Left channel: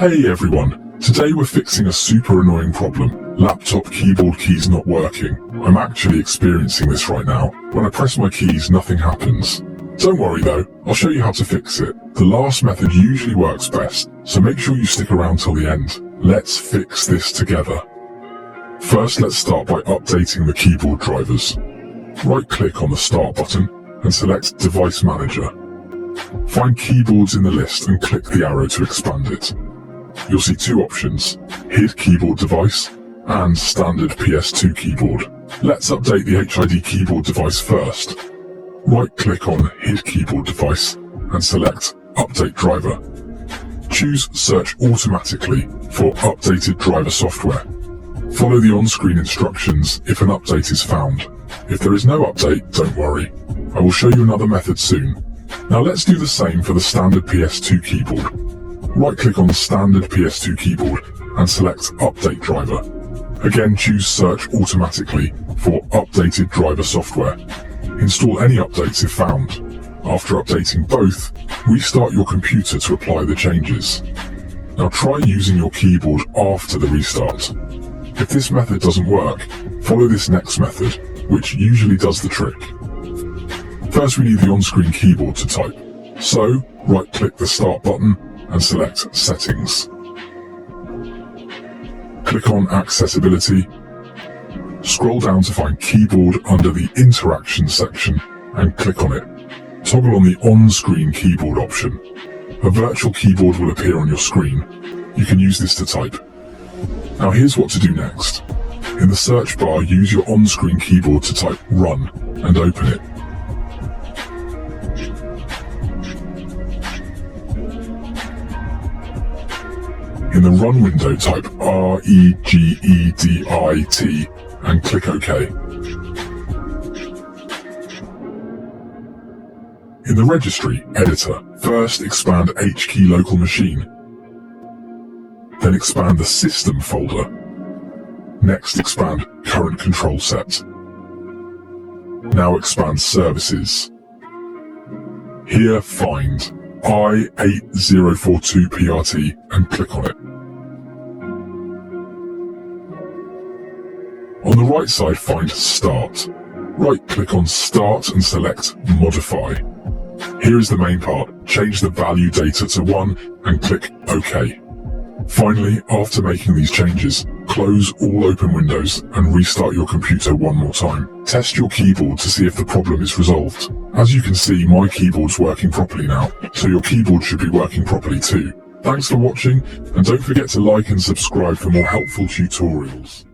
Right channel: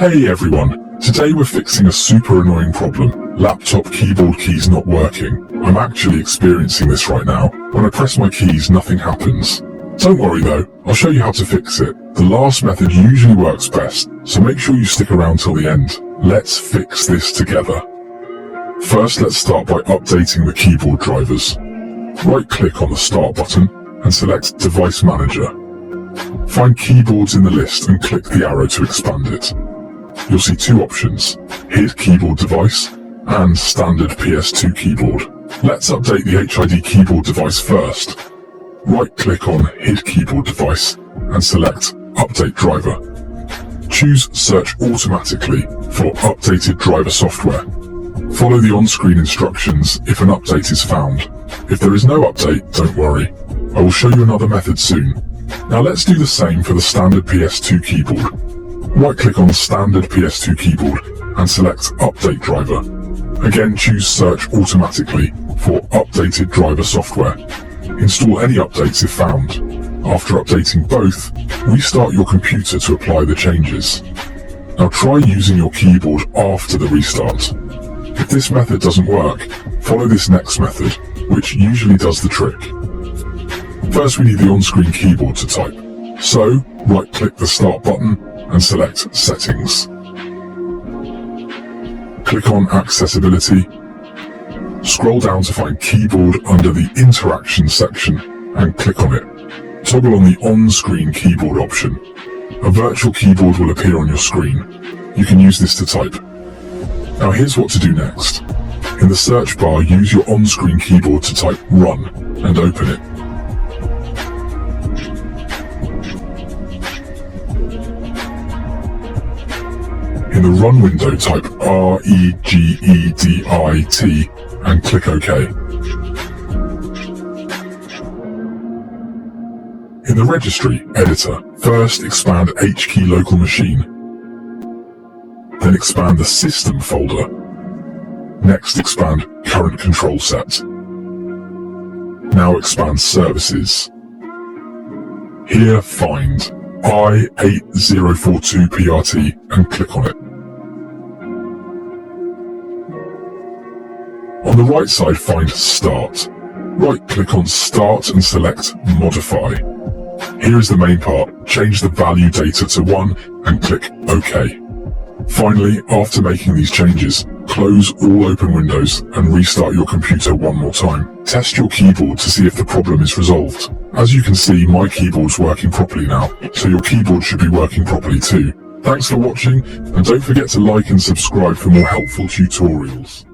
Hey everyone, today we're fixing a super annoying problem. Laptop keyboard keys not working. I'm actually experiencing this right now. When I press my keys, nothing happens. Don't worry though, I'll show you how to fix it. The last method usually works best, so make sure you stick around till the end. Let's fix this together. First, let's start by updating the keyboard drivers. Right-click on the Start button and select Device Manager. Find keyboards in the list and click the arrow to expand it. You'll see two options, HID keyboard device and standard PS2 keyboard. Let's update the HID keyboard device first. Right-click on HID keyboard device and select Update Driver. Choose Search Automatically for updated driver software. Follow the on-screen instructions if an update is found. If there is no update, don't worry. I will show you another method soon. Now let's do the same for the standard PS2 keyboard. Right-click on the standard PS2 keyboard and select Update Driver. Again, choose Search Automatically for updated driver software. Install any updates if found. After updating both, restart your computer to apply the changes. Now try using your keyboard after the restart. If this method doesn't work, follow this next method, which usually does the trick. First we need the on-screen keyboard to type. So, right-click the Start button and select Settings. Click on Accessibility. Scroll down to find Keyboard under the Interaction section and click on it. Toggle on the on-screen keyboard option. A virtual keyboard will appear on your screen. You can use this to type. Now here's what to do next. In the search bar, use your on-screen keyboard to type Run and open it. In the Run window, type REGEDIT and click OK. In the Registry editor, first expand HKey Local Machine. Then expand the System folder. Next expand Current Control Set. Now expand Services. Here find I8042PRT and click on it. On the right side, find Start. Right-click on Start and select Modify. Here is the main part. Change the value data to 1 and click OK. Finally, after making these changes, close all open windows and restart your computer one more time. Test your keyboard to see if the problem is resolved. As you can see, my keyboard's working properly now, so your keyboard should be working properly too. Thanks for watching, and don't forget to like and subscribe for more helpful tutorials.